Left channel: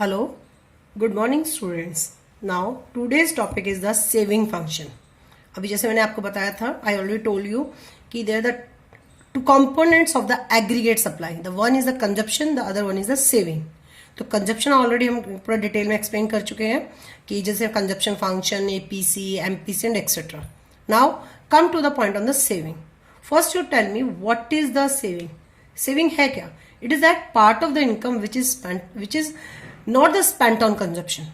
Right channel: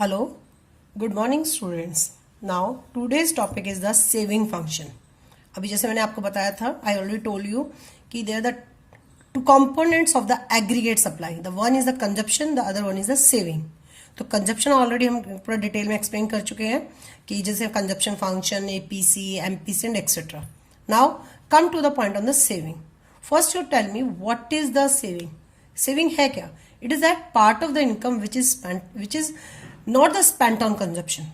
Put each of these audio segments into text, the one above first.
Hello, good morning students. Now today's topic is the saving function. अभी जैसे मैंने आपको बताया था, I already told you कि there are the two components of the aggregate supply. The one is the consumption, the other one is the saving. तो consumption already हम पूरा डिटेल में एक्सप्लेन कर चुके हैं कि जैसे consumption function APC MPC and etcetera. Now come to the point on the saving. First you tell me what is the saving. Saving है क्या? It is that part of the income which is not the spent on consumption.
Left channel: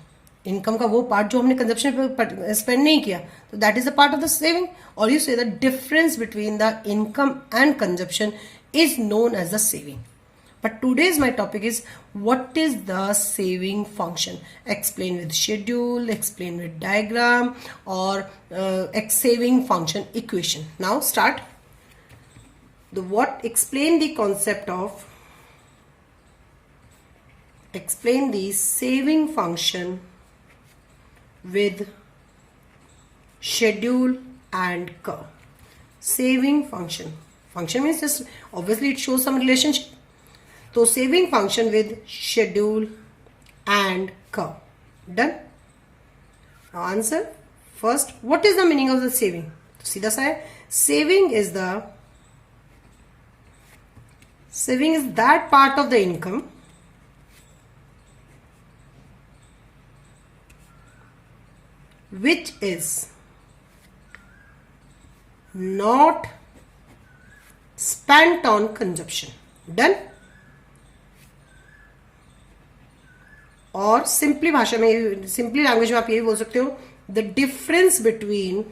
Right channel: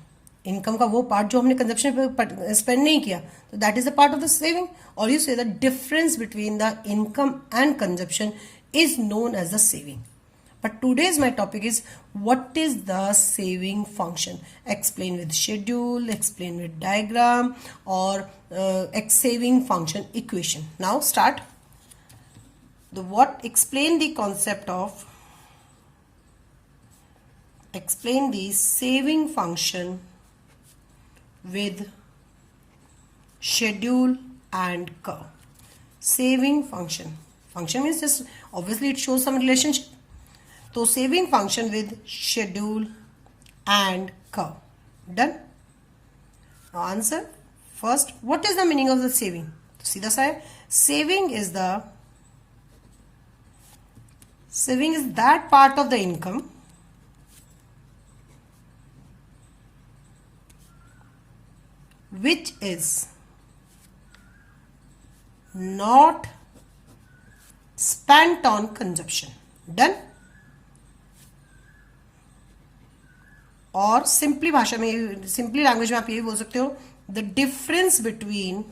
Income का वो part जो हमने consumption पे spend नहीं किया, तो that is the part of the saving. और you say the difference between the income and consumption is known as the saving. But today's my topic is what is the saving function. Explain with schedule, explain with diagram, or saving function equation. Now start. Explain the concept of, explain the saving function with schedule and curve. Saving function. Function means just obviously it shows some relationship. तो saving function with schedule and curve. Done. Answer first, what is the meaning of the saving? सीधा सा है. Saving is that part of the income which is not spent on consumption. Done. और simply भाषा में, simply language में आप यही बोल सकते हो, the difference between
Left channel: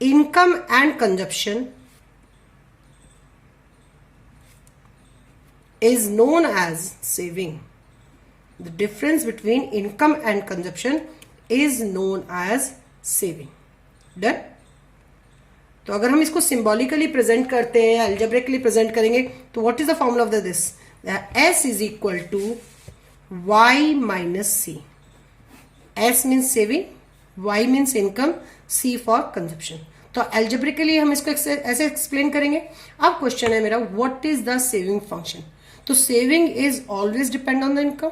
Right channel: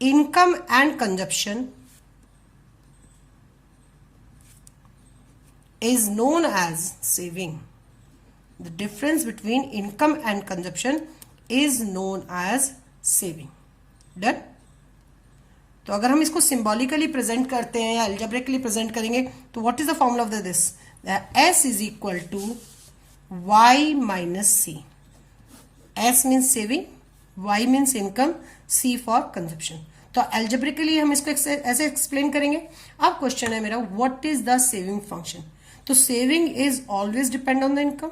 income and consumption is known as saving. The difference between income and consumption is known as saving. Done. तो अगर हम इसको सिंबॉलिकली प्रेजेंट करते हैं, अलजेब्रिकली प्रेजेंट करेंगे, तो what is the formula of this? S is equal to Y minus C. S means saving, Y means income, C for consumption. तो algebraically हम इसको ऐसे एक्सप्लेन करेंगे. अब क्वेश्चन है मेरा, what is the saving function? तो saving is always depend on the income.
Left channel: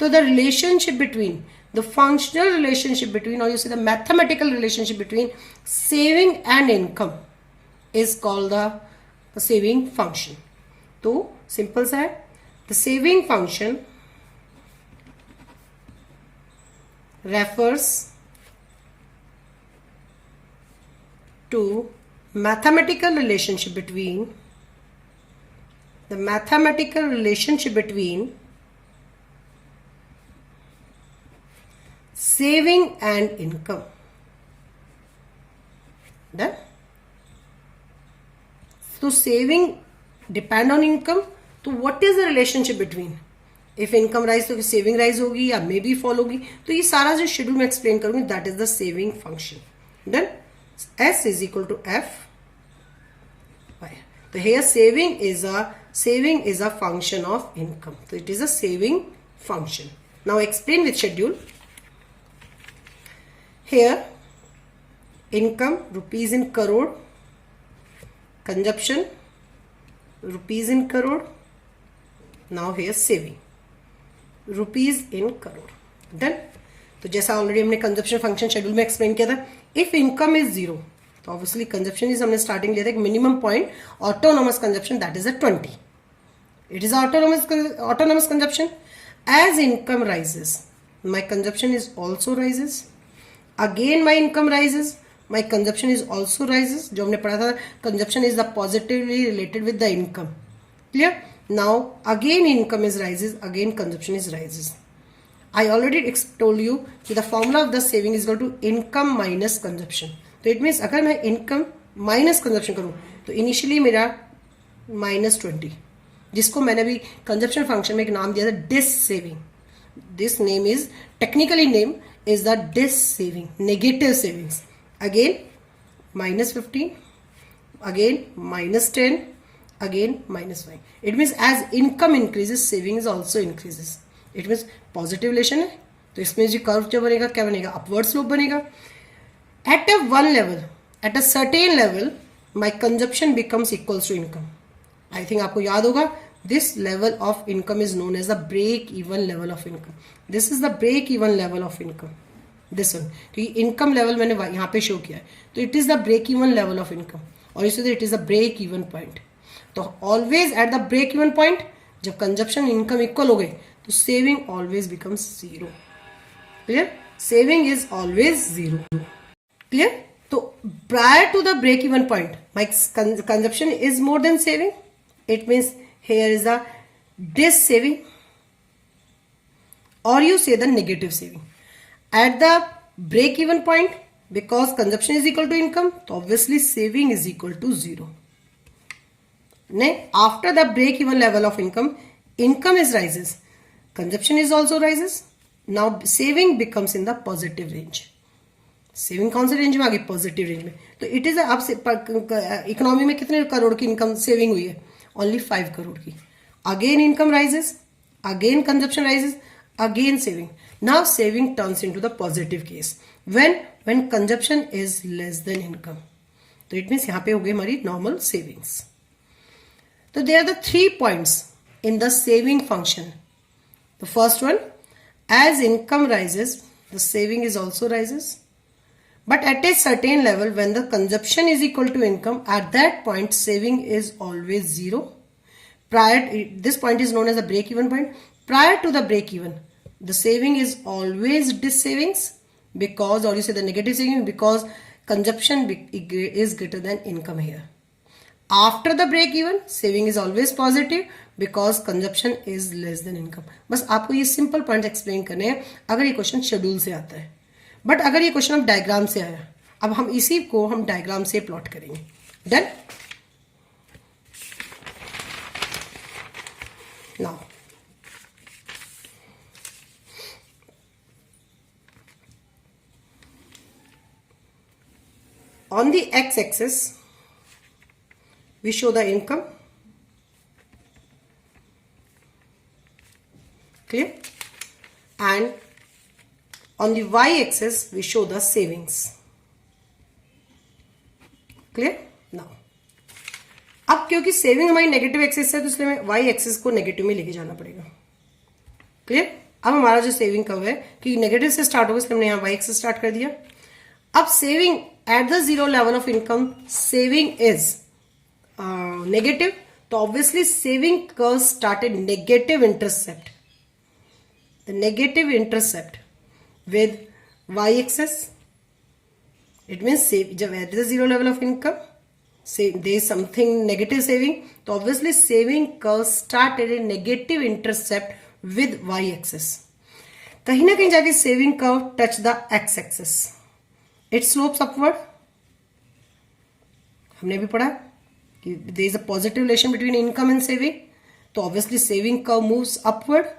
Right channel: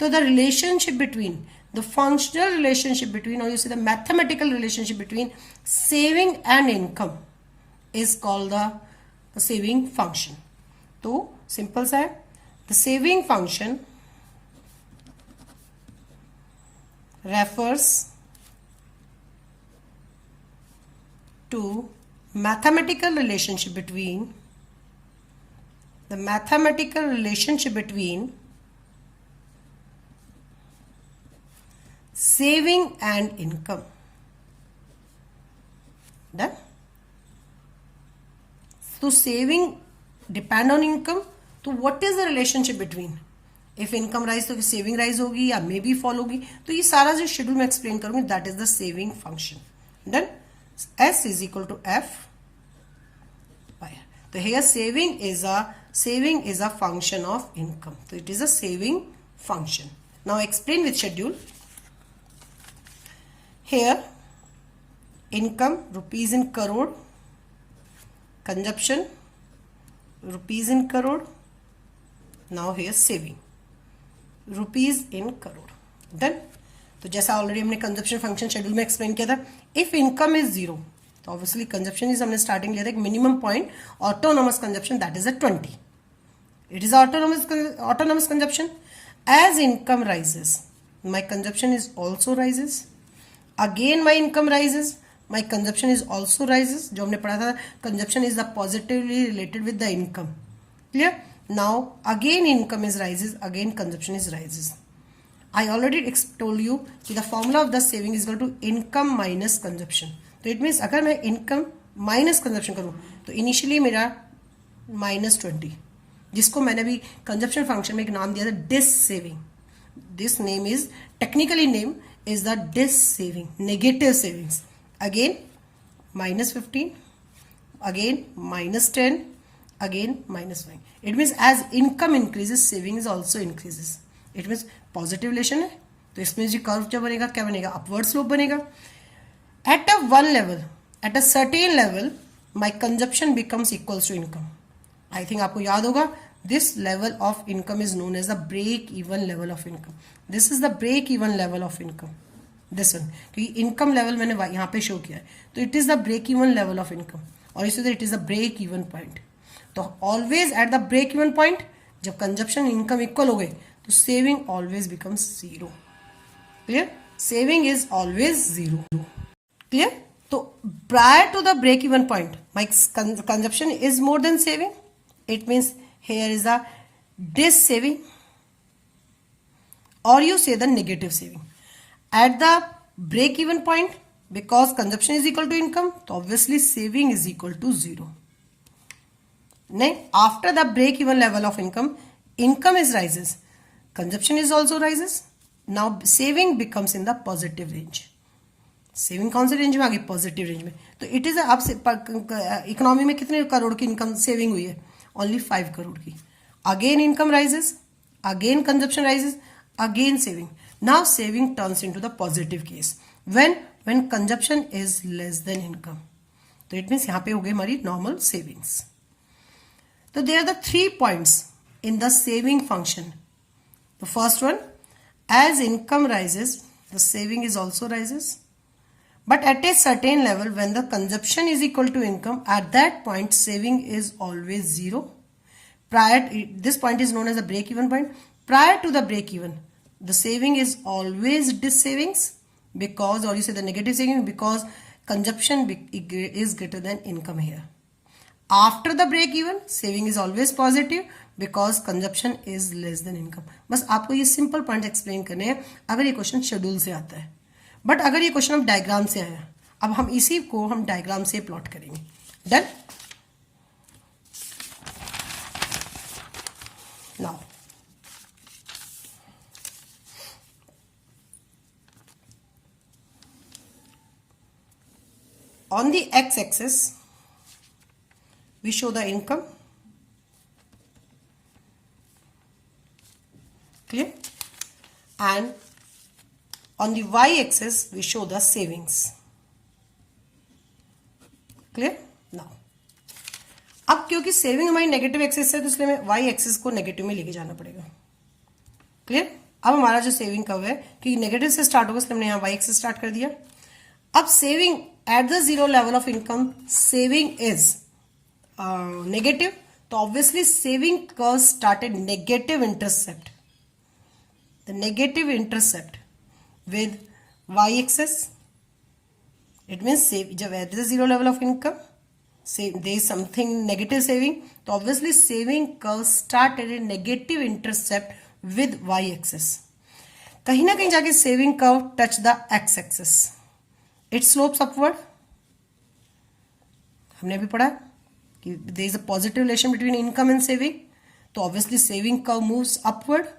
तो the relationship between, the functional relationship between, और you say the mathematical relationship between saving and income is called the saving function. तो simple सा है. The saving function refers to mathematical relationship between saving and income. Done. तो saving depend on income. तो what is the relationship between? If income rise तो saving rise होगी या may be fall होगी. तो ये सारा जो शेड्यूल में एक्सप्लेन करूंगी, that is the saving function. Then S is equal to F. तो here saving is a function of income. तो it is a saving function. Now explain with schedule. Here income rupees in crore, consumption rupees in crore. Now here saving rupees in crore. Done. तो जैसा already हमने consumption function schedule में explain किया था, if income is zero तो obviously consumption is, हमने starting लिया था एक minimum point, autonomous consumption, that is a 20. It is autonomous consumption. As income rises my consumption is also rises. Again my income rises, my consumption is also rises. जो हमने पढ़ा था, consumption is the positively related with the income. Clear? Now again income is rises, again consumption is rises. I already told you कि the formula of the saving is equal to income minus consumption. तो it means अगर मैं income minus consumption करूँ तो initially मेरा -20, जिसको मैंने भी consumption function में एक नाम दिया था dis saving. This name is, technically name is the dis saving, negative savings. Again -15, again -10, again -5. It means as income increases, savings also increases. It means positive relation है. तो इसमें जो कर्व जो बनेगा, क्या बनेगा? अपवर्ड स्लोप बनेगा. At a one level, at a certain level, my consumption becomes equals to income. I think आपको याद होगा this level of income is known as the break even level of income. This is the break even level of income. This one, क्योंकि income level मैंने यहाँ पे show किया है, तो it is the break even level of income, और इसी it is the break even point. तो always at the break even point, जब consumption income equal हो गए, तो saving always becomes zero. Clear? Saving is always zero. Clear? So prior to the break even point, my consumption is more than saving. It means here is a this saving, or you say the negative saving. At the break even point, because consumption is equal to income, so obviously saving is equal to zero. Next, after the break even level of income, income is rises, consumption is also rises. Now saving becomes in the positive range. Saving कौन से range में आ गई? Positive range में. तो it is आप economy में कितने करोड़ की इनकम सेविंग हुई है? ओनली 5 करोड़ की. Again income rises, again consumption rises, again saving. Now saving turns into the positive case when consumption is less than income. तो इट मीन्स यहां पे हो गई हमारी नॉर्मल सेविंग्स. तो there are the 3 points in the saving function. The first one, as income rises the saving is also rises. But at a certain level, when the consumption is equal to income, at that point, saving is always zero. This point is known as the break-even point. Prior to the break-even, the saving is always dis-savings because, or you say the negative saving, because consumption is greater than income here. After the break-even, saving is always positive because consumption is less than income. बस आपको ये simple points explain करने हैं अगर ये question schedule से आता है. बट अगर ये क्वेश्चन हम डायग्राम से आया, अब हम इसी को हम डायग्राम से प्लॉट करेंगे. Then now on the x-axis we show the income. Clear? And on the y-axis we show the savings. Clear? Now अब क्योंकि सेविंग हमारी नेगेटिव एक्सिस है तो इसलिए हमें वाई एक्सिस को नेगेटिव में लेके जाना पड़ेगा. क्लियर? अब हमारा जो सेविंग कर्व है कि नेगेटिव से स्टार्ट होगा इसलिए हमने यहाँ वाई एक्सिस स्टार्ट कर दिया. अब saving at the zero level of income, saving is negative, तो obviously saving curve started negative intercept. The negative intercept with y-axis, it means save. जब at the zero level of income, say there is something negative saving, तो obviously saving curve start at a negative intercept with y-axis. कहीं ना कहीं जाके saving curve touch the x-axis, it slopes upward. हमने अभी पढ़ा कि there is a positive relation between income and saving, तो obviously saving curve moves upward.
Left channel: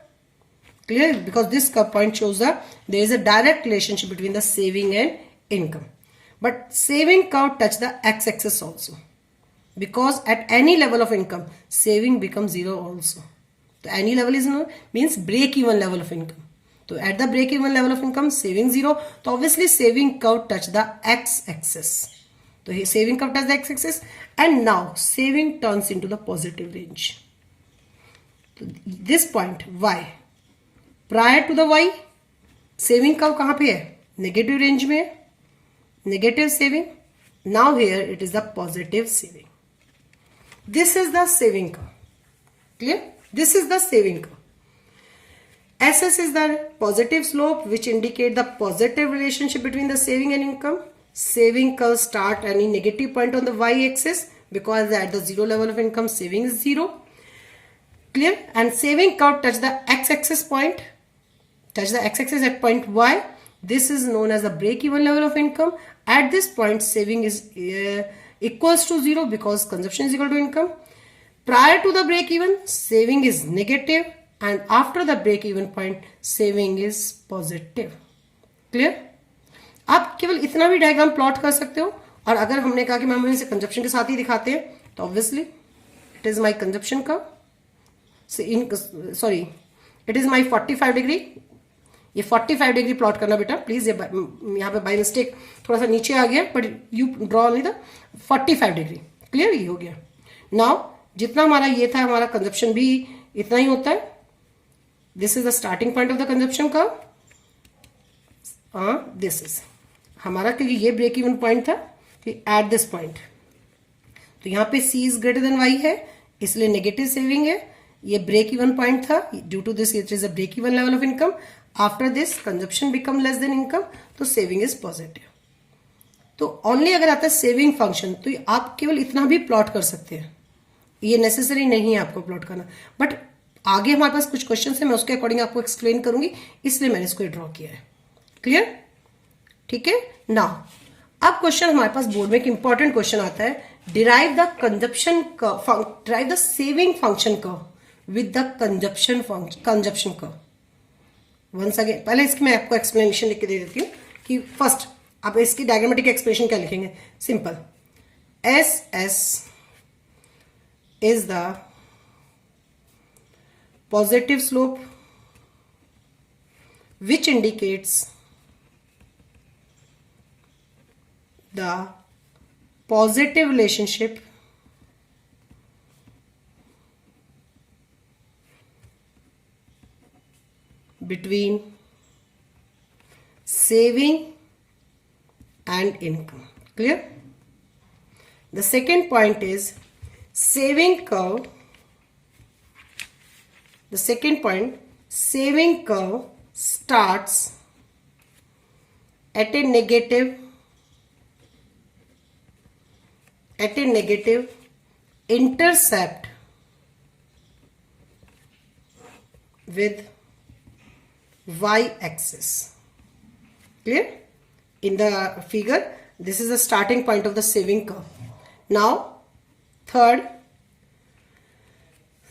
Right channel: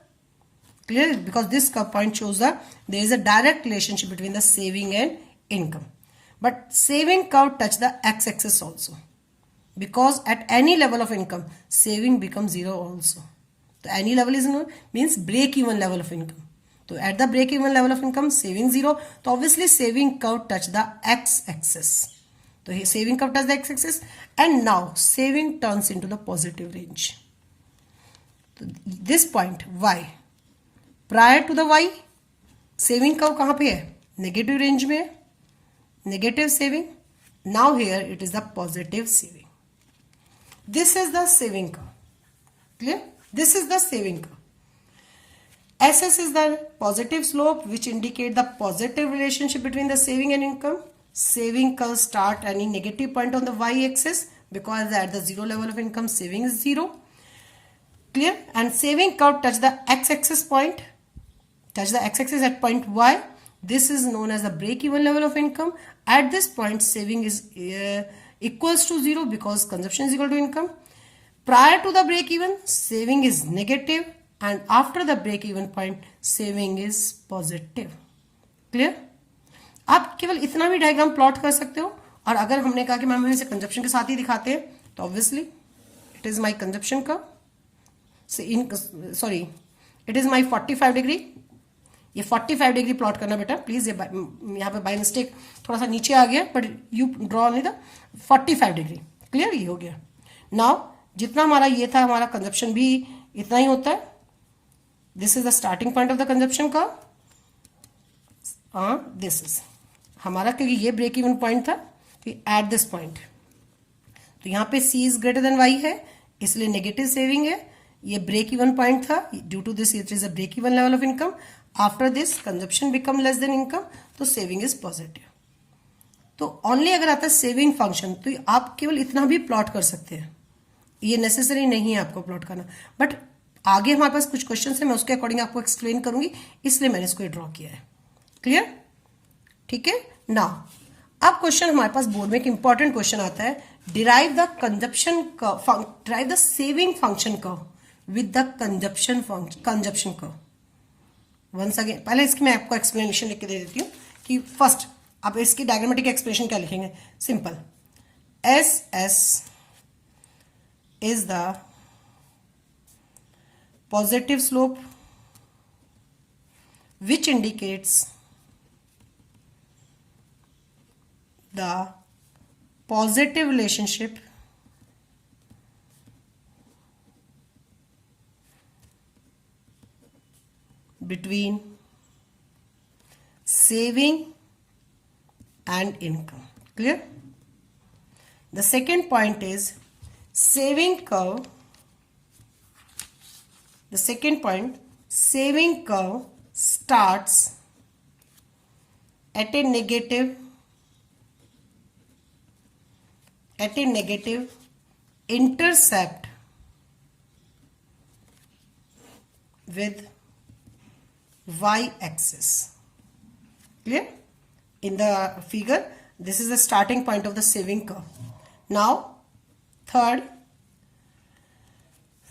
Clear? Because this point shows that there is a direct relationship between the saving and income. But saving curve touch the x-axis also. Because at any level of income, saving becomes zero also. So any level is known, means break-even level of income. So at the break-even level of income, saving zero. So obviously saving curve touch the x-axis. So here saving curve touch the x-axis, and now saving turns into the positive range. So this point, y. Prior to the Y, saving curve कहां पे है? Negative range में, negative saving. Now here it is the positive saving. This is the saving curve. Clear? This is the saving curve. SS is the positive slope which indicate the positive relationship between the saving and income. Saving curve start any negative point on the y-axis because at the zero level of income saving is zero. Clear? And saving curve touch the x-axis point. Touch the x-axis at point y. This is known as the break-even level of income. At this point, saving is equals to zero because consumption is equal to income. Prior to the break-even, saving is negative, and after the break-even point, saving is positive. Clear? आप केवल इतना भी diagram plot कर सकते हो. और अगर हमने कहा कि हम इसे कंजप्शन के साथ ही दिखाते हैं, तो obviously it is my consumption का. Sorry, it is my 45 degree. ये 45 डिग्री प्लॉट करना बेटा प्लीज. ये यहाँ पे बाय मिस्टेक थोड़ा सा नीचे आ गया, but you draw only the 45 degree. Clear? ये हो गया. नाउ जितना हमारा ये था हमारा कंजप्शन भी इतना ही होता है. This is the starting point of the consumption curve. This is हमारा, क्योंकि ये ब्रेक इवन पॉइंट था एट दिस पॉइंट, तो यहाँ पे C is greater than Y है, इसलिए नेगेटिव सेविंग है. ये ब्रेक इवन पॉइंट था, due to this it is a break even level of income. After this consumption become less than income, तो saving is positive. तो only अगर आता है सेविंग फंक्शन, तो आप केवल इतना भी प्लॉट कर सकते हैं, ये नेसेसरी नहीं है आपको प्लॉट करना. बट आगे हमारे पास कुछ क्वेश्चन है, मैं उसके अकॉर्डिंग आपको एक्सप्लेन करूंगी, इसलिए मैंने इसको ड्रॉ किया है. क्लियर? ठीक है. नाउ अब क्वेश्चन हमारे पास बोर्ड में एक इंपॉर्टेंट क्वेश्चन आता है, derive the consumption curve, derive the saving function curve with the consumption curve. Once again पहले इसकी मैं आपको एक्सप्लेनेशन लिख के दे देती हूँ कि फर्स्ट आप इसकी डायग्रामेटिक एक्सप्रेशन क्या लिखेंगे. Simple, S S is the positive slope which indicates the positive relationship between saving and income. Clear? The second point is saving curve. The second point, saving curve starts at a negative intercept with y-axis. Clear? In the figure, this is the starting point of the saving curve. Now, third,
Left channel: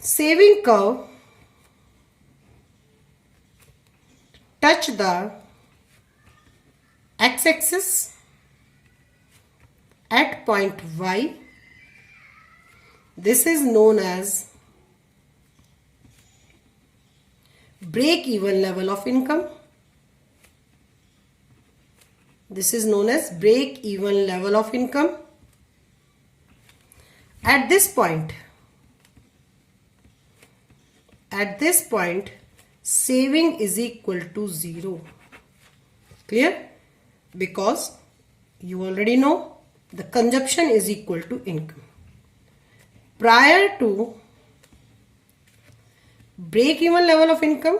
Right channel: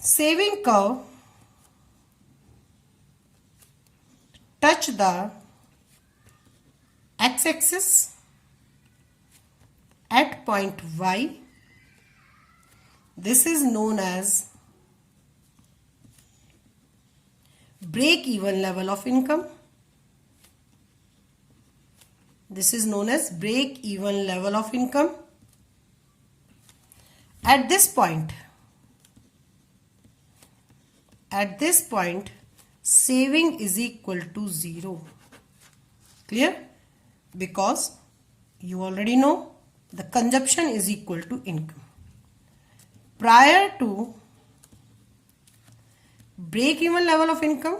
saving curve touch the x-axis at point y. This is known as break-even level of income. This is known as break-even level of income. At this point, saving is equal to 0. Clear? Because you already know the consumption is equal to income. Prior to break-even level of income,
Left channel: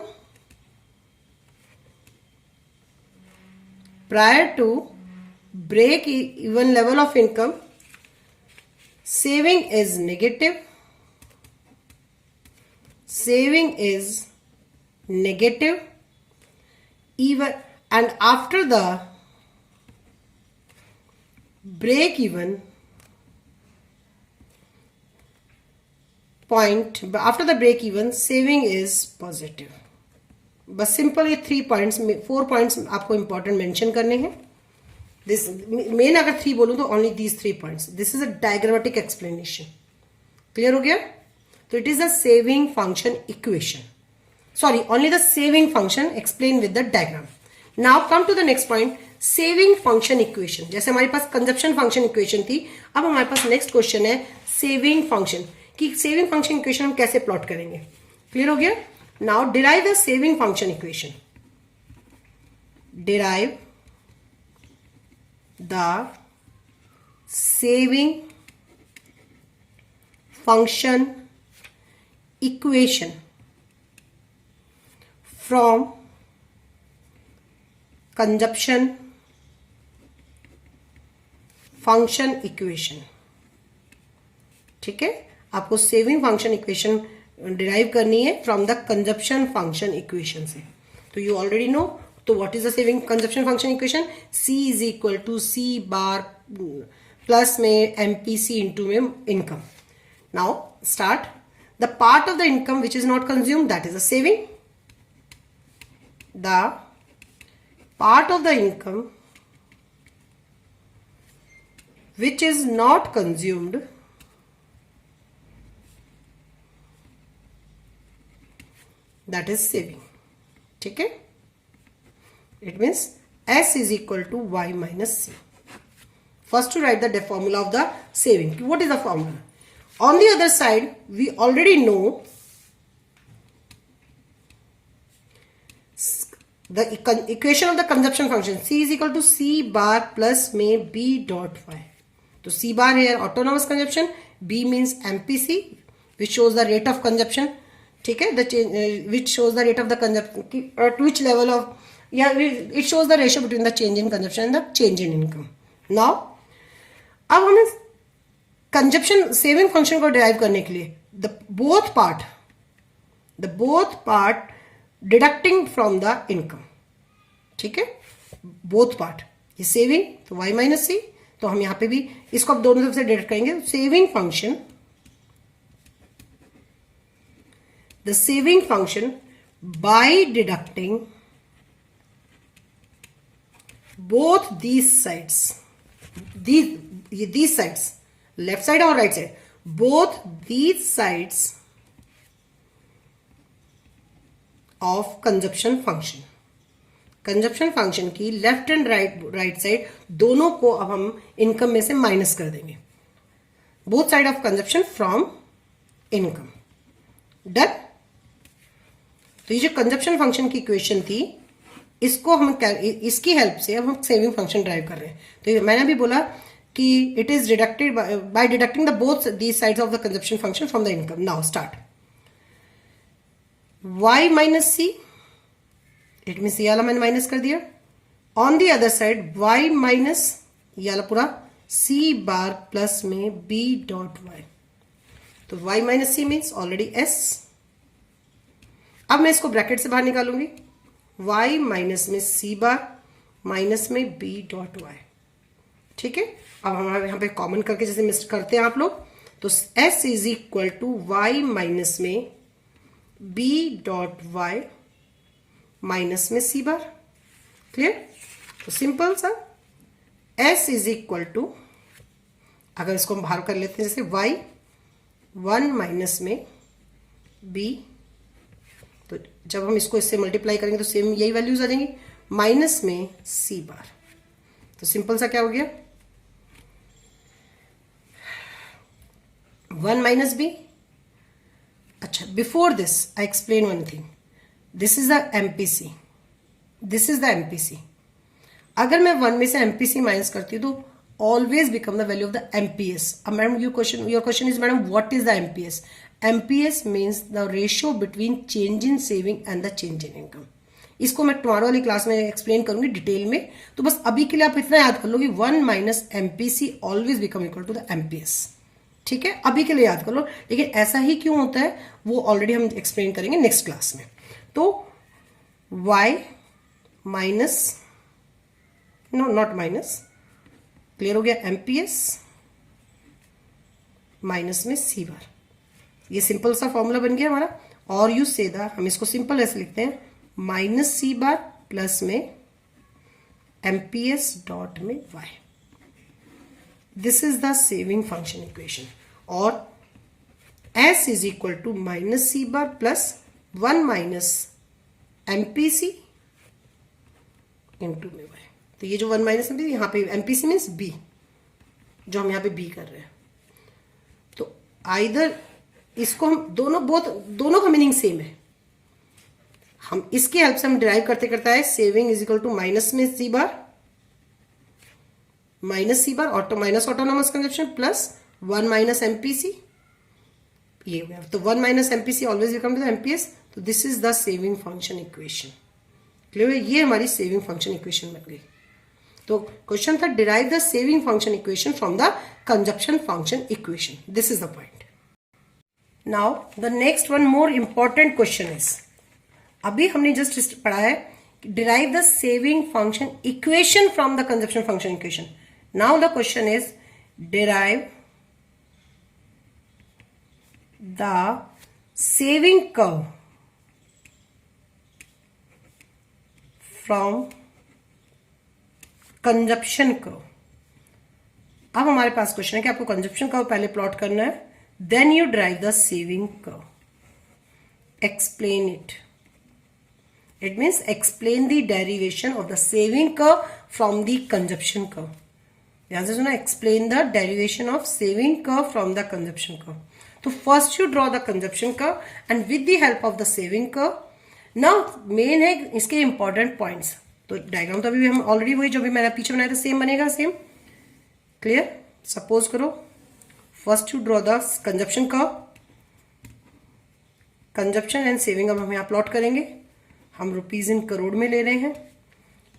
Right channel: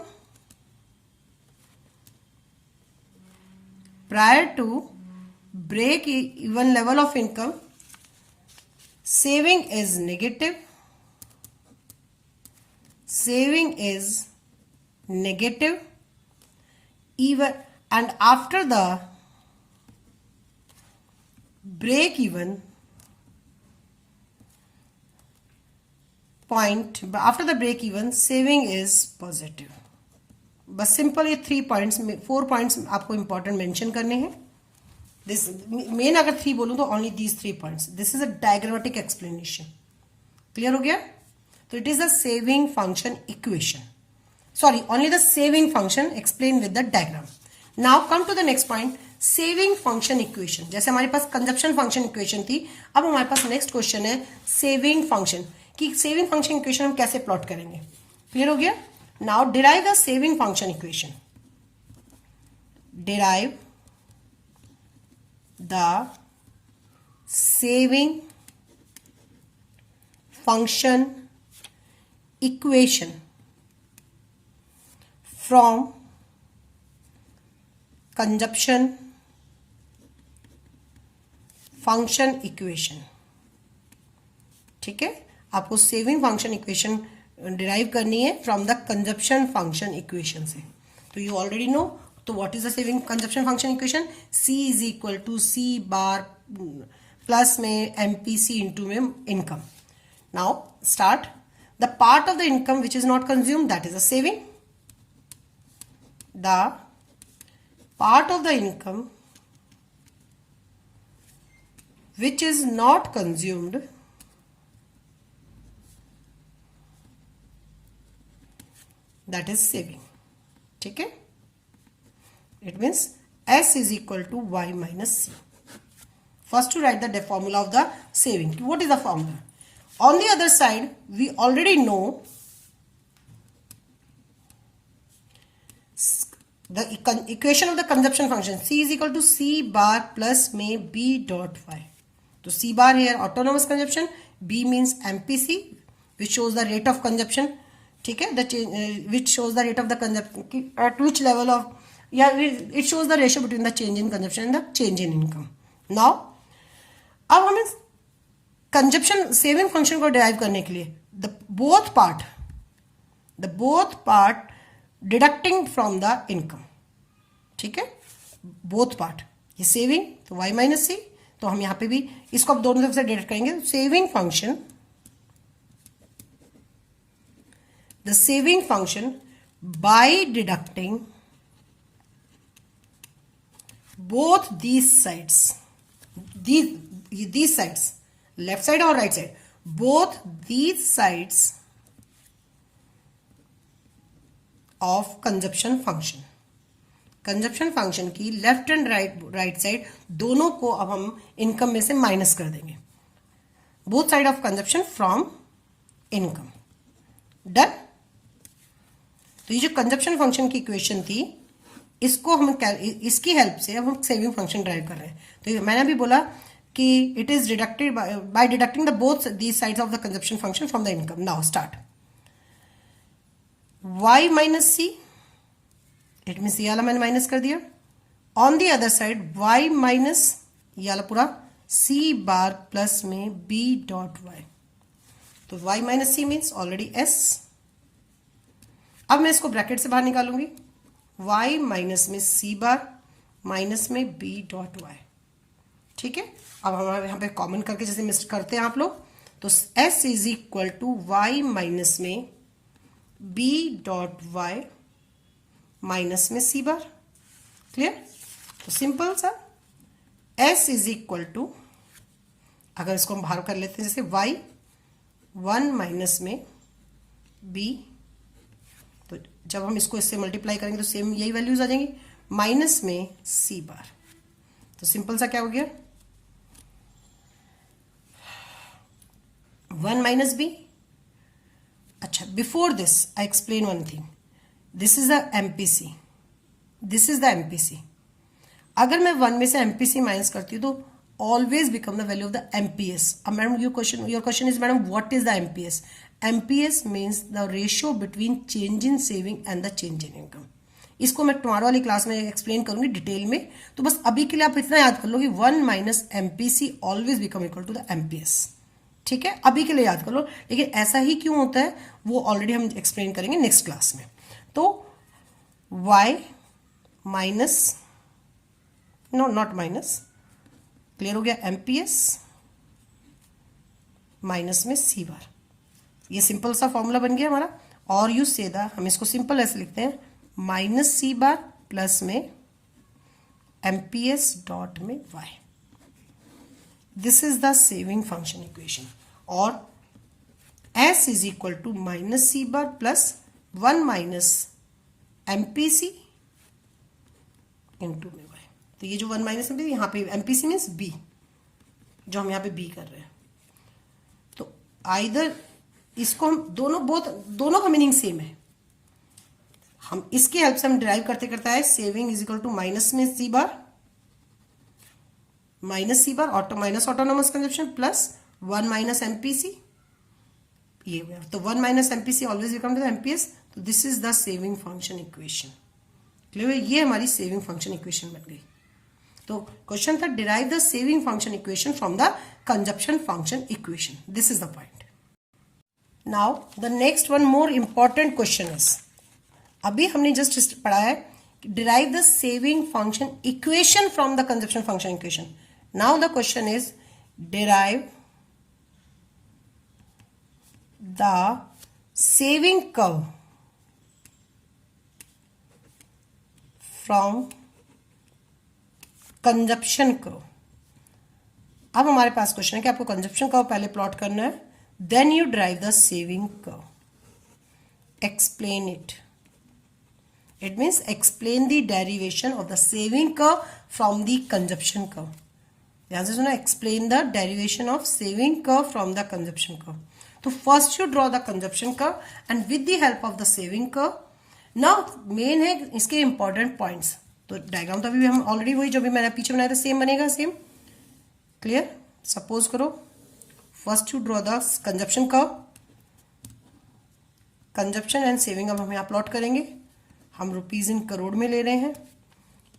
saving is negative. Even and after the break even point, after the break even, saving is positive. बस simple ये 4 points आपको important mention करने हैं. This main अगर 3 बोलूं तो only these 3 points. This is a diagrammatic explanation. Clear हो गया? तो it is the saving function equation. Sorry, only the saving function explained with the diagram. Now come to the next point, saving function equation. जैसे हमारे पास consumption function equation थी, अब हमारे पास next question है saving function. कि saving function equation हम कैसे plot करेंगे. Clear हो गया? Now derive the saving function equation. Derive the saving function equation from consumption function equation. ठीक है, आपको सेविंग फंक्शन इक्वेशन डिराइव करनी है from the consumption function equation से. तो यू ऑलरेडी नो. तो what is the saving consumption function equation? C is equal to C bar plus में MPC into में income. Now start. The part of the income which is not consume, that is a saving. The part of the income which is not consumed, that is saving. ठीक है? It means S is equal to Y minus C. First to write the formula of the saving. What is the formula? On the other side, we already know the equation of the consumption function. C is equal to C bar plus में B dot Y. तो C bar here autonomous consumption, B means MPC which shows the rate of consumption. ठीक है, which shows the rate of the consumption at which level of, it shows the ratio between the change in consumption and the change in income. Now अब हमें consumption saving function को derive करने के लिए the both part deducting from the income. ठीक है, both part, ये saving तो y माइनस सी, तो हम यहां पे भी इसको अब दोनों तरफ से डिडक्ट करेंगे. Saving function, the saving function by deducting both these sides, these sides, left side or right side, both these sides of consumption function. Consumption function की लेफ्ट एंड राइट साइड दोनों को अब हम इनकम में से minus कर देंगे. Both side of consumption from income. Done. तो ये जो कंजप्शन फंक्शन की इक्वेशन थी, इसको हम इसकी हेल्प से अब हम सेविंग फंक्शन ड्राइव कर रहे हैं. तो मैंने भी बोला कि it is deducted by deducting the both these sides of the consumption function from the income. Now start. y minus C, it means ये वाला मैंने माइनस कर दिया. On the other side y minus ये वाला पूरा c बार प्लस में b dot y. तो y minus C means already s. अब मैं इसको ब्रैकेट से बाहर निकालूंगी. y माइनस में c बार माइनस में b डॉट y. ठीक है, अब हम यहां पे कॉमन करके जैसे मिस करते हैं आप लोग, तो s is equal to y minus में b डॉट y माइनस में c बार. क्लियर. तो सिंपल सा s इज इक्वल टू, अगर इसको हम बाहर कर लेते हैं जैसे y 1 माइनस में b, तो जब हम इसको इससे मल्टीप्लाई करेंगे तो सेम यही वैल्यूज आ जाएंगी, माइनस में c बार. तो सिंपल सा क्या हो गया, 1 माइनस b. अच्छा, before this I explain one thing. This is the MPC, this is the MPC. अगर मैं 1 में से एमपीसी माइनस करती हूं तो always become the value of the MPS. अब madam your question is madam what is the MPS. MPS means the ratio between change in saving and the change in income. इसको मैं tomorrow वाली class में explain करूंगी detail में. तो बस अभी के लिए आप इतना याद कर लो कि 1 minus MPC always become equal to the MPS. ठीक है, अभी के लिए याद कर लो. लेकिन ऐसा ही क्यों होता है वो ऑलरेडी हम एक्सप्लेन करेंगे नेक्स्ट क्लास में. तो y minus, no not minus, clear हो गया, एमपीएस माइनस में c बार. ये सिंपल सा फॉर्मूला बन गया हमारा. और यू से द, हम इसको सिंपल ऐसे लिखते हैं, माइनस c बार प्लस में एमपीएस डॉट में y. This is the saving function equation. और s is equal to minus c bar plus 1 minus MPC into में y. तो ये जो 1 माइनस एमपीसी, यहां पे एमपीसी मीन्स b, जो हम यहां पे b कर रहे हैं. तो आइदर इसको हम दोनों का मीनिंग सेम है. हम इसकी हेल्प से हम डिराइव करते करते आए saving is equal to minus में c bar, minus c bar minus autonomous consumption plus 1 minus MPC. ये तो 1 minus MPC always become to the MPS. तो this is the saving function equation. Clear है, ये हमारी सेविंग फंक्शन इक्वेशन बन गई. तो क्वेश्चन था derive the saving function equation from the consumption function equation. This is the point. Now the next one more important question is, अभी हमने just पढ़ा है derive the saving function equation from the consumption function equation. Now the question is derive the saving curve from consumption curve. अब हमारे पास question है कि आपको consumption curve पहले प्लॉट करना है, then you drive the saving curve. Explain it. It means explain the derivation of the saving curve from the consumption curve. ध्यान से सुना, explain the derivation of saving curve from the consumption curve. तो first you draw the consumption curve and with the help of the saving curve. Now main है इसके important points. तो diagram तो अभी हम ऑलरेडी वही जो भी मैंने पीछे बनाया था सेम बनेगा, सेम क्लियर। सपोज करो first you draw the consumption curve, consumption and saving अब हम यहाँ प्लॉट करेंगे। हम रुपीज इन करोड़ में ले रहे हैं।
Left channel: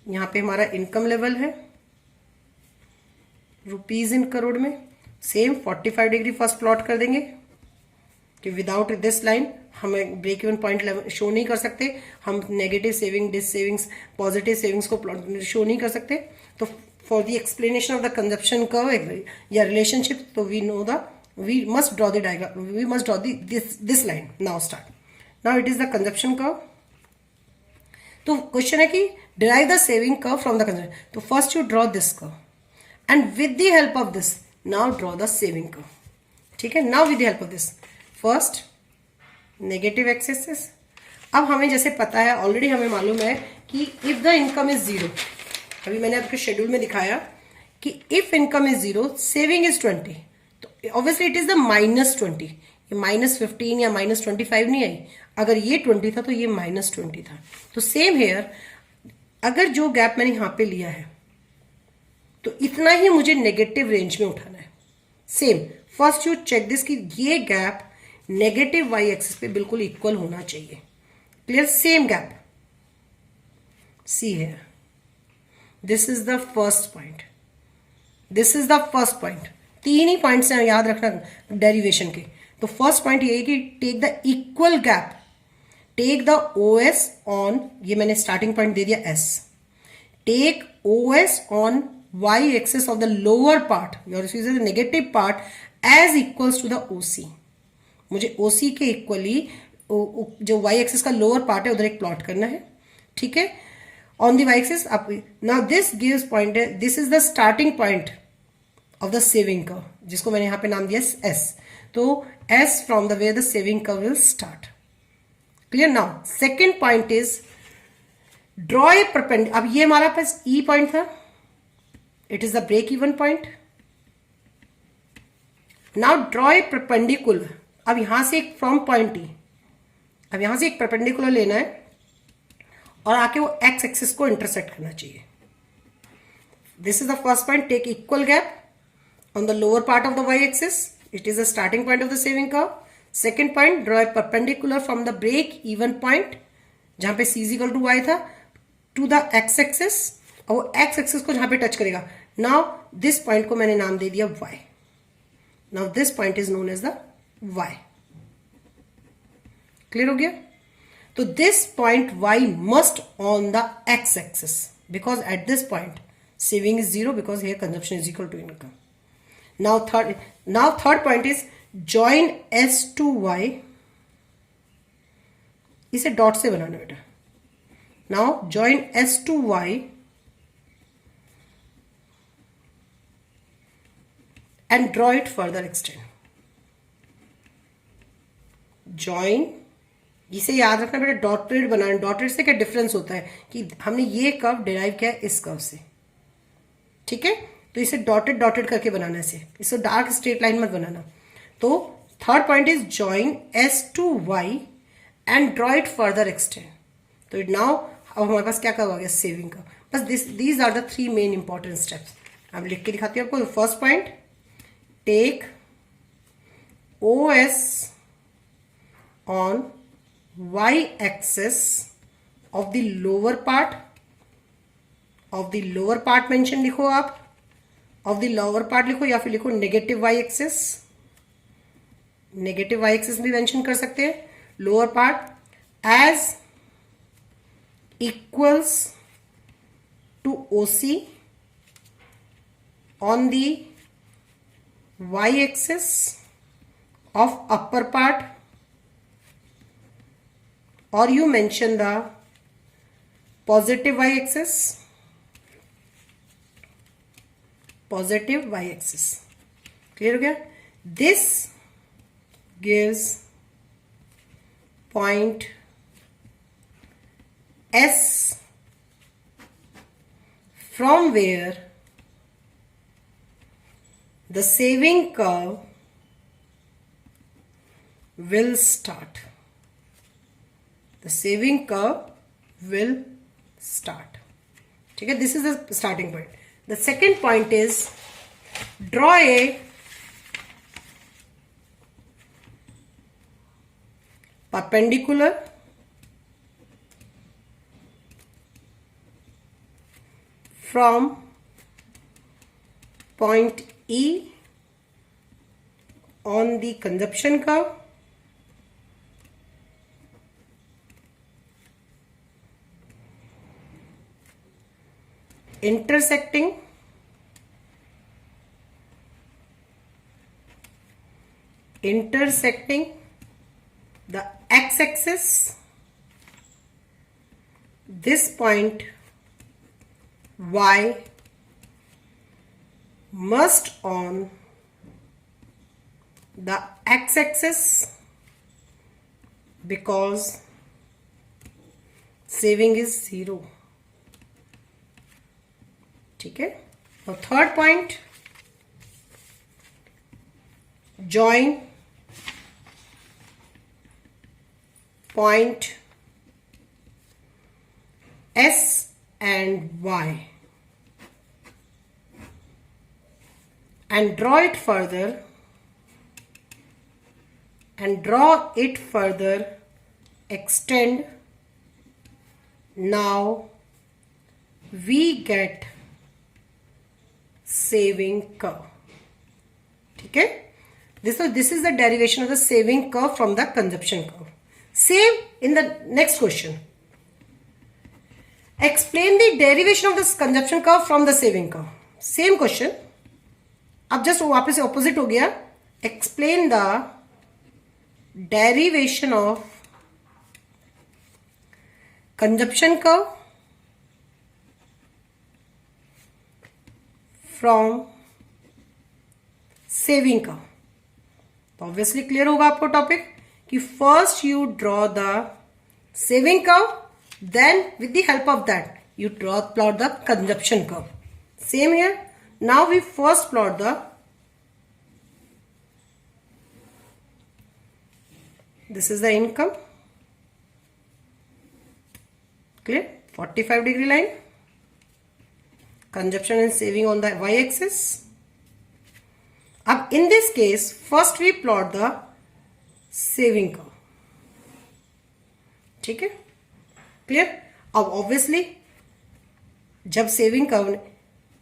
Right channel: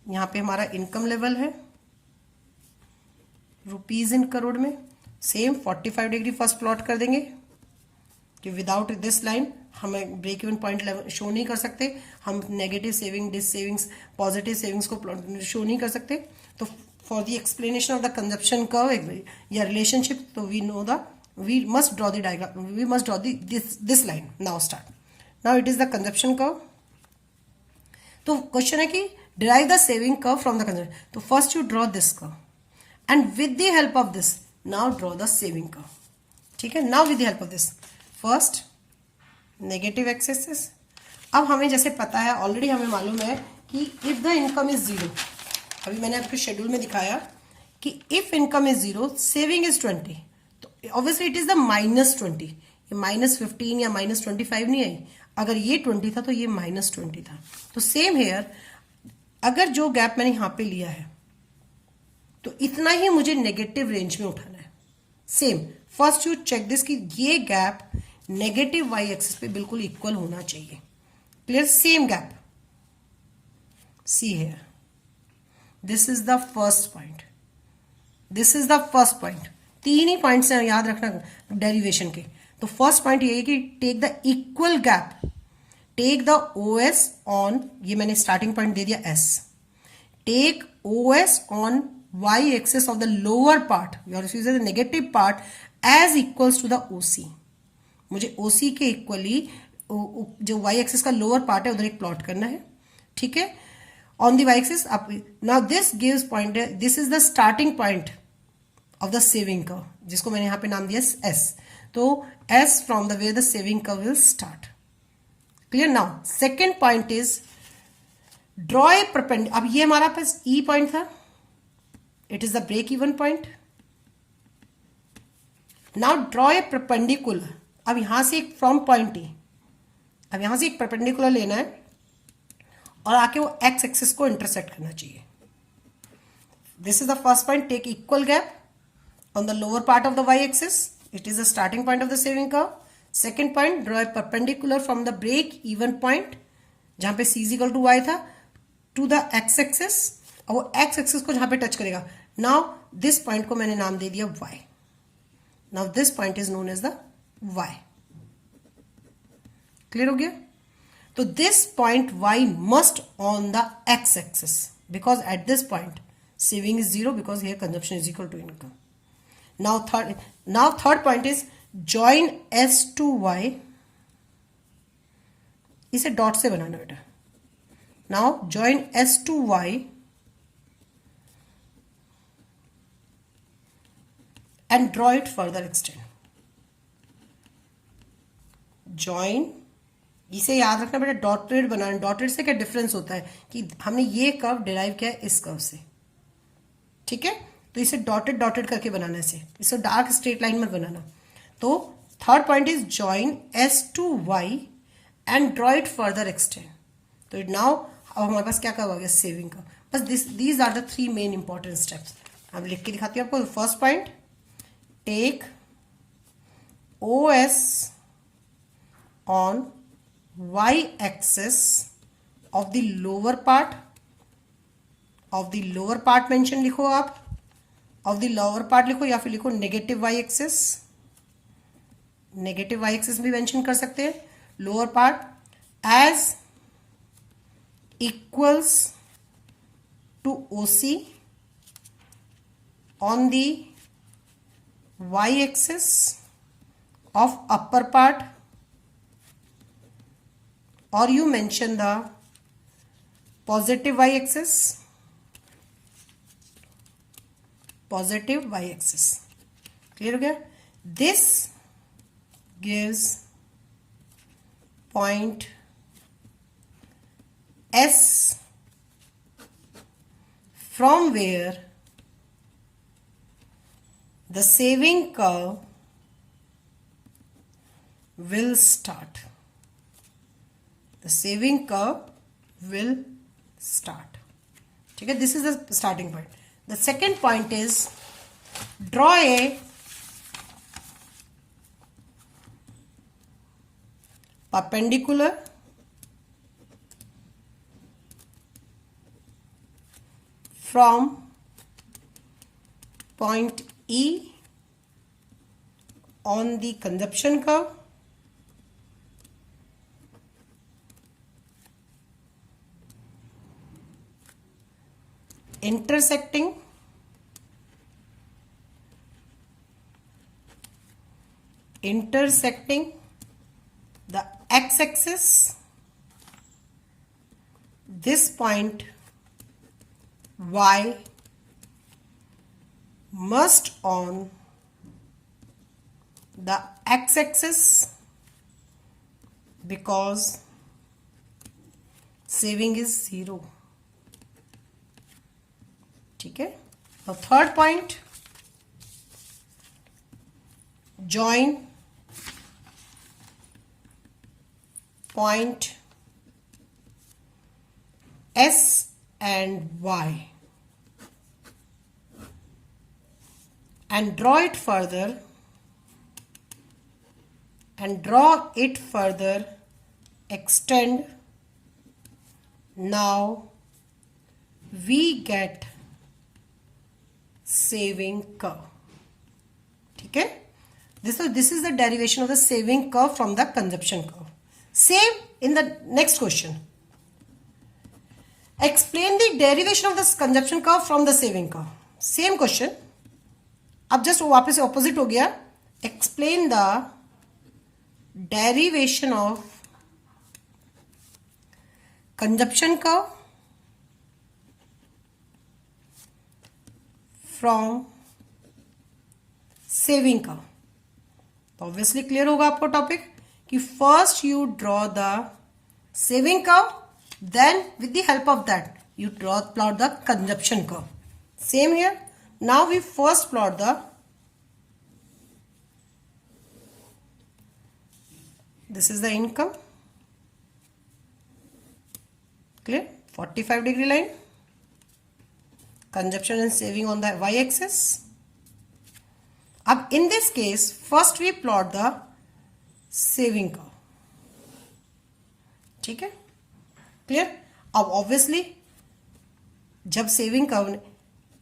यहाँ पे हमारा इनकम लेवल है रुपीज इन करोड़ में। सेम 45 डिग्री फर्स्ट प्लॉट कर देंगे कि विदाउट दिस लाइन हमें ब्रेक इवन पॉइंट शो नहीं कर सकते। हम negative saving, dissavings, positive savings को शो नहीं कर सकते। तो for the explanation of the consumption curve या रिलेशनशिप, तो we must draw the diagram, we must draw this line. Now start. Now it is the consumption curve. तो question है कि derive the saving curve from the consumption. तो first you draw this curve and with the help of this now draw the saving curve. ठीक है, now with the help of this first negative x-axis. अब हमें जैसे पता है already, हमें मालूम है कि if the income is 0, अभी मैंने आपके शेड्यूल में दिखाया कि if income is 0 saving is 20, obviously it is the -20। ये -15 या -25 नहीं आई। अगर ये 20 था तो ये -20 था। तो सेम हेयर, अगर जो गैप मैंने यहां पे लिया है तो इतना ही मुझे नेगेटिव रेंज में उठाना है। Same first you check this कि ये गैप नेगेटिव वाई एक्सिस पे बिल्कुल इक्वल होना चाहिए। Clear, same gap. See here, this is the first point, this is the first point. तीन ही पॉइंट्स हैं याद रखना डेरिवेशन के। तो फर्स्ट पॉइंट ये है कि take the equal gap, take the OS on, ये मैंने स्टार्टिंग पॉइंट दे दिया S, take OS on Y axis of the lower part, the negative part as equals to the OC. मुझे ओसी के equally जो वाई एक्सेस का lower part है उधर एक प्लॉट करना है। ठीक है, on the Y axis. Now this gives point, this is the starting point of the saving curve, जिसको मैंने यहां पे नाम दिया एस। तो S from the way the saving curve will start. Clear. Now second point is draw a perpendicular. अब ये हमारा पास ई पॉइंट था, it is the break even point. Now draw a perpendicular. अब यहां से एक फ्रॉम पॉइंट ई, अब यहां से एक परपेंडिकुलर लेना है और आके वो एक्स एक्सिस को इंटरसेक्ट करना चाहिए। This is the first point, take equal gap on the lower part of the y-axis. It is the starting point of the saving curve. Second point, draw a perpendicular from the break even point, जहां पे c is equal to y था, to the x-axis, और वो x-axis को जहां पे touch करेगा। Now this point को मैंने नाम दे दिया y. Now this point is known as the y. Clear हो गया? तो this point y must on the x-axis because at this point saving is 0 because here consumption is equal to income. Now third point is join S to Y. इसे dot से बनाना बेटा। Now join S to Y and draw it further extend. Join, इसे याद रखना बेटा, dotted बनाना। Dotted से क्या difference होता है कि हमने ये कर्व डिराइव किया इस कर्व से। ठीक है, तो इसे डॉटेड डॉटेड करके बनाना है, इसे डार्क स्ट्रेट लाइन मत बनाना। तो third point is join S to Y and draw it further extend. तो इट नाउ अब हमारे पास क्या हुआ गया, सेविंग का। बस these are the three main important steps. अब लिख के दिखाती हूँ आपको। First point, take O S on Y axis of the lower part, of the lower part mention लिखो आप, ऑफ द लोअर पार्ट लिखो या फिर लिखो negative Y axis. Negative Y axis भी मेंशन कर सकते हैं। Lower part as equals to OC on the Y axis of upper part, और you mention the positive Y axis, positive Y axis. Clear हो गया? This gives point S from where the saving curve will start. The saving curve will start. Okay, this is the starting point. The second point is draw a perpendicular from point E on the consumption curve intersecting the x-axis. This point Y must on the x-axis because saving is 0. ठीक है. Now third point, join point S and Y and draw it further extend. Now we get saving curve. ठीक है. This is the derivation of the saving curve from the consumption curve. Same in the next question. Explain the derivation of this consumption curve from the saving curve. Same question. अब just वापस से opposite हो गया. Explain the derivation of consumption curve from saving curve. तो obviously clear होगा आपको topic कि first you draw the saving curve, then with the help of that you plot the consumption curve. Same here. Now we first plot this is the income. Clear? 45 degree line. Consumption and saving on the y-axis. अब in this case, first we plot the saving curve. ठीक है? Clear? अब obviously जब saving curve,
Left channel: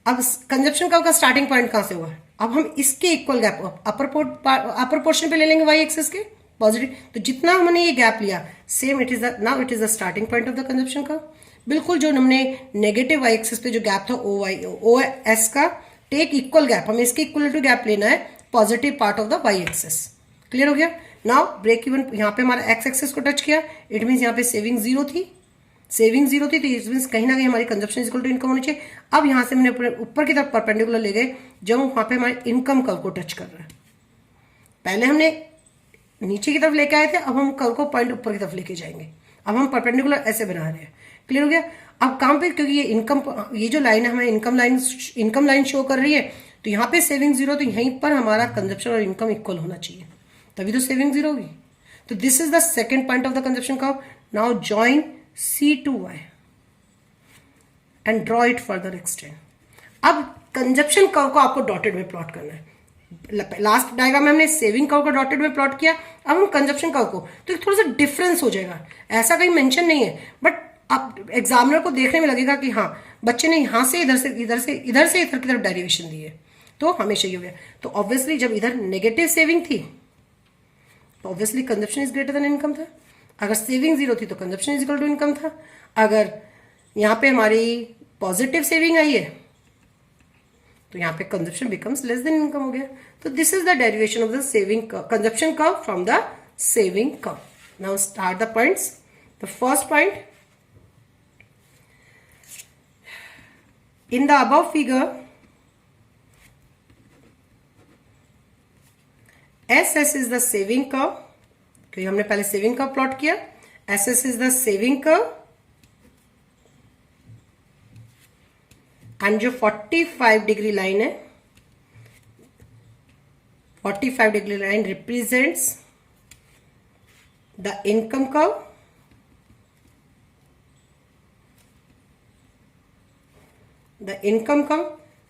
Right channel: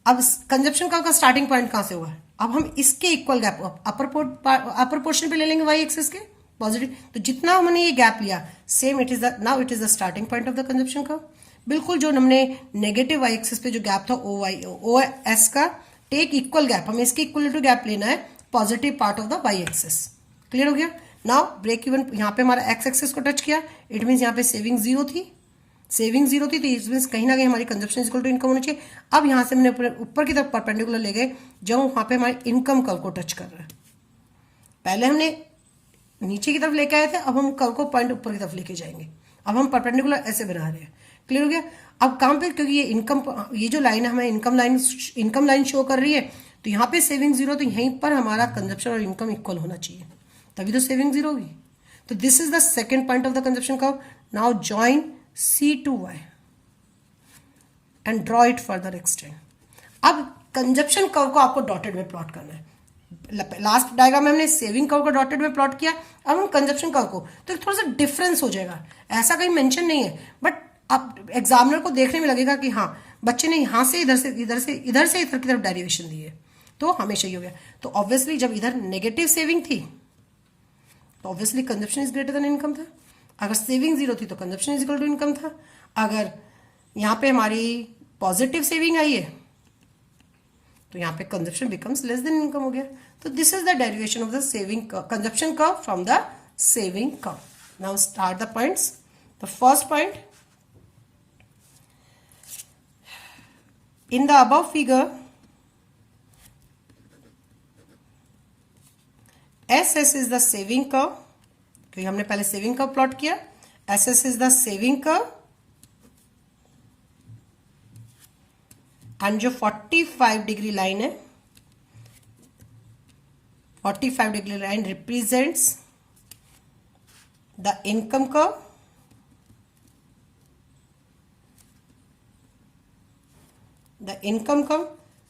अब consumption curve का starting point कहां से हुआ, अब हम इसके इक्वल गैप अपर पोर्शन पे ले लेंगे वाई एक्सिस के पॉजिटिव. तो जितना हमने ये गैप लिया same it is the starting point of the consumption curve. बिल्कुल जो हमने नेगेटिव वाई एक्सिस पे जो गैप था ओ एस का टेक इक्वल गैप, हमें इसके इक्वल टू गैप लेना है positive part of the Y axis. Clear हो गया. नाउ ब्रेक इवन यहाँ पे हमारा एक्स एक्सिस को टच किया, इट मीन यहाँ पे सेविंग जीरो थी तो इट मीन कहीं ना कहीं हमारी कंजप्शन इक्वल टू इनकम होनी चाहिए. अब यहां से हमने ऊपर की तरफ परपेंडिकुलर ले गए जो वहां पे हमारे इनकम कर्व को टच कर रहे हैं. पहले हमने नीचे की तरफ लेके आए थे, अब हम कर्व को पॉइंट ऊपर की तरफ लेके जाएंगे. अब हम परपेंडिकुलर ऐसे बना रहे हैं. क्लियर हो गया. अब काम पे क्योंकि ये जो लाइन है हमें इनकम लाइन शो कर रही है, तो यहाँ पे सेविंग जीरो, तो यहीं पर हमारा कंजप्शन और इनकम इक्वल होना चाहिए, तभी तो सेविंग जीरो होगी. तो this is the second point of the consumption curve. Now join C to Y and draw it further extend. अब कंजप्शन कर्व को आपको डॉटेड में प्लॉट करना है. लास्ट डायग्राम में हमने सेविंग कर्व को डॉटेड में प्लॉट किया, अब हम कंजप्शन कर्व को, तो एक थोड़ा सा डिफरेंस हो जाएगा. ऐसा कहीं मेंशन नहीं है, बट अब एग्जामिनर को देखने में लगेगा कि हाँ बच्चे ने यहां से इधर की तरफ डेरिवेशन दी है, तो हमेशा ही हो गया. तो ऑब्वियसली जब इधर नेगेटिव सेविंग थी तो obviously consumption is greater than income था. अगर सेविंग जीरो थी तो consumption is equal to income था. अगर यहां पे हमारी पॉजिटिव सेविंग आई है तो यहां पे consumption becomes less than income हो गया. तो this is the derivation of the saving consumption curve from the saving curve. Now start the points. The first point, in the above figure SS is the saving curve, क्योंकि हमने पहले saving curve plot किया. SS is the saving curve and जो 45 degree line है, 45 degree line represents the income curve,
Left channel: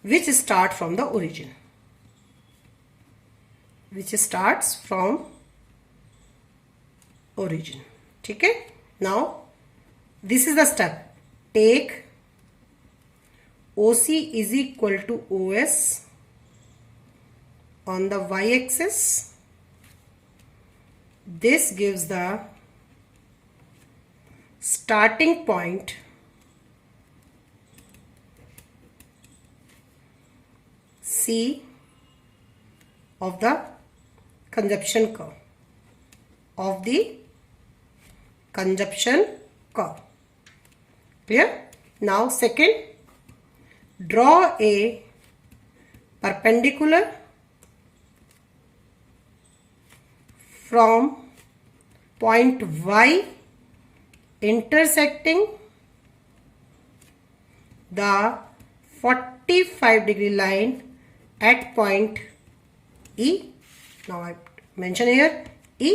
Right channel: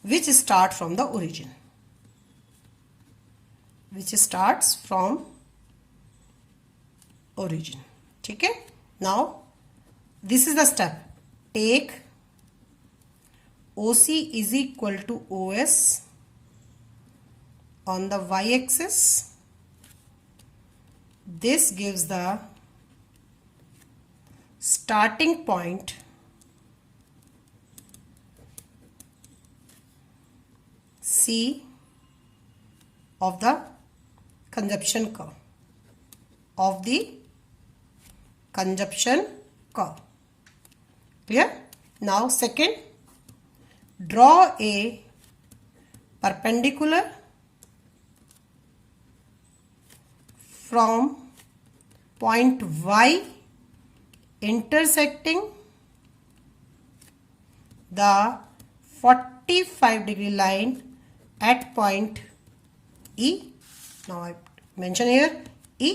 which start from the origin, ठीक है. Now this is the step. Take OC is equal to OS on the y-axis. This gives the starting point C of the consumption curve. Clear? Now second, draw a perpendicular from point Y intersecting the 45-degree line at point E. Now I mention here E.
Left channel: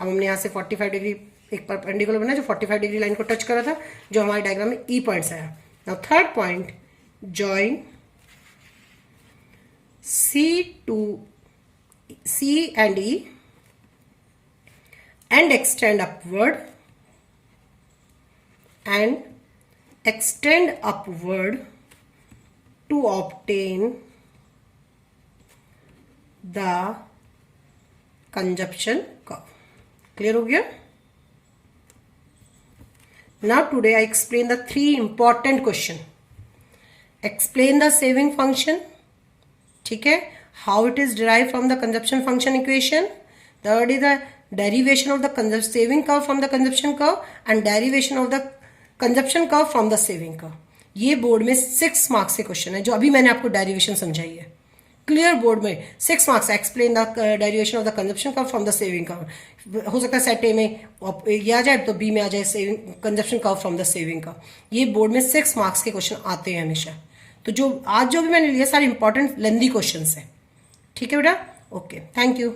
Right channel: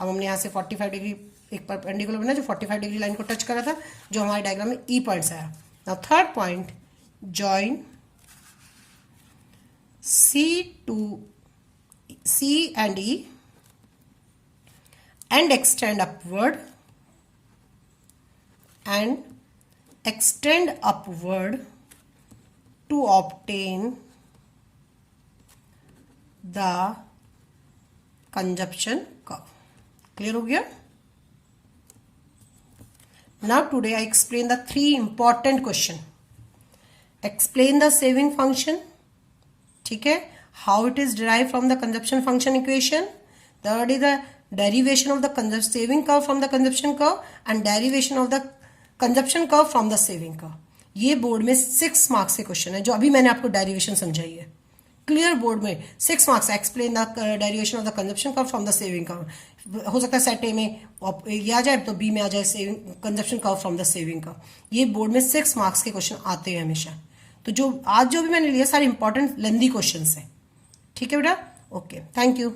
अब हमने यहाँ से 45 degree एक perpendicular बना जो 45 degree line को touch कर रहा था, जो हमारे डायग्राम में E पॉइंट्स आया. Now third point, join C and E and extend upward to obtain the consumption curve. Clear हो गया? Now today I explain the 3 important question. Explain the saving function, ठीक है, how it is derived from the consumption function equation. Third is the derivation of the saving curve from the consumption curve and derivation of the consumption curve from the saving curve. ये board में 6 marks के question है, जो अभी मैंने आपको derivation समझाई है. क्लियर, बोर्ड में 6 marks. Explain the derivation of the consumption curve from the saving curve. हो सकता है सेट ए में ये आ जाए तो बी में आ जाए saving consumption curve from the saving curve. ये बोर्ड में 6 मार्क्स के क्वेश्चन आते हैं हमेशा. तो जो आज जो भी मैंने लिया सारे इंपॉर्टेंट लेंदी क्वेश्चन है. ठीक है बेटा, ओके, थैंक यू.